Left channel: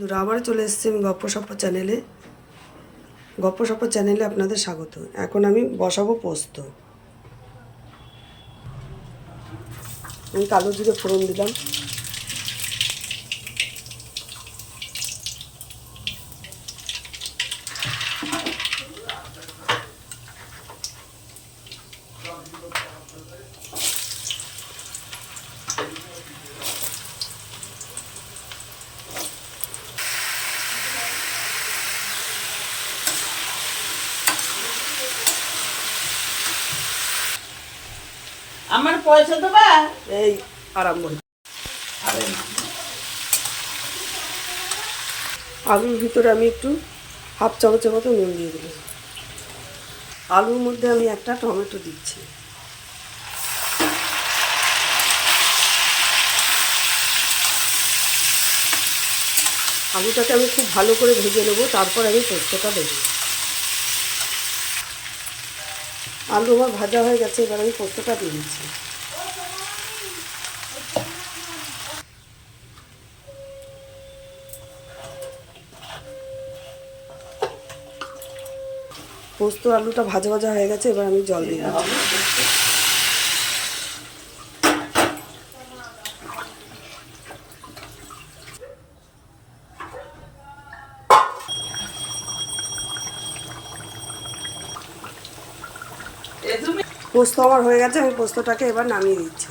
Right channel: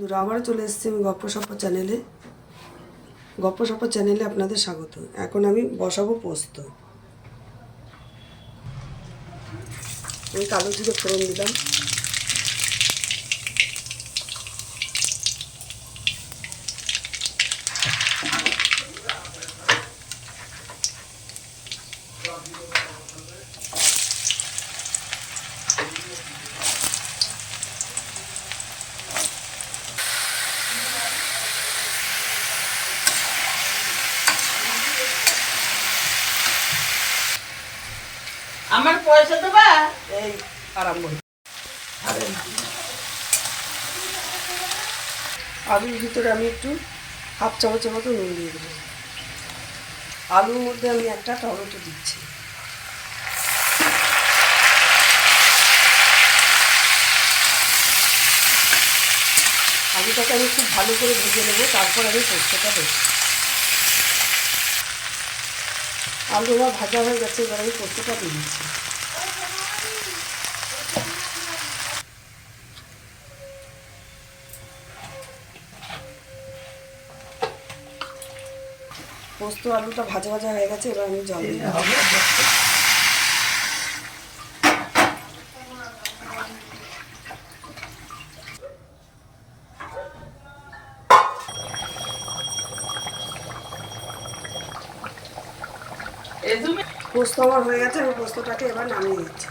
বন্ধুরা আবারও চলে এসেছি আমি গপ্প সপ্প চ্যানেলে। গপ্প সপ্প চ্যানেলে আপনাদের স্বাগত। এখন আমি বসাবো পোস্ত। আমি কালো জিরে ফোড়ন দিলাম। আমার পয়সা দেবা এই আরম্ভ আলুর ভিতরে আমি একটু হাফ চামচের মতো নুন দিয়ে দেবো। আলুর মধ্যে আমি একটা টমেটো দিচ্ছি। আলুটাকে আমি খুব ভালো করে ভেজে নেব তারপর আমি পোস্তটা দেবো। আলু আমার ভাজা হয়ে গেছে, এবার আমি পোস্তটা দিয়ে দিচ্ছি। পোস্ত আলুটা ভাজা ভাজা হয়ে গেছে, এবার আমি জল দিয়ে দেবো পোস্ত আমার হয়ে গেছে আমি পোস্তটাকে এবার নামিয়ে দিচ্ছি।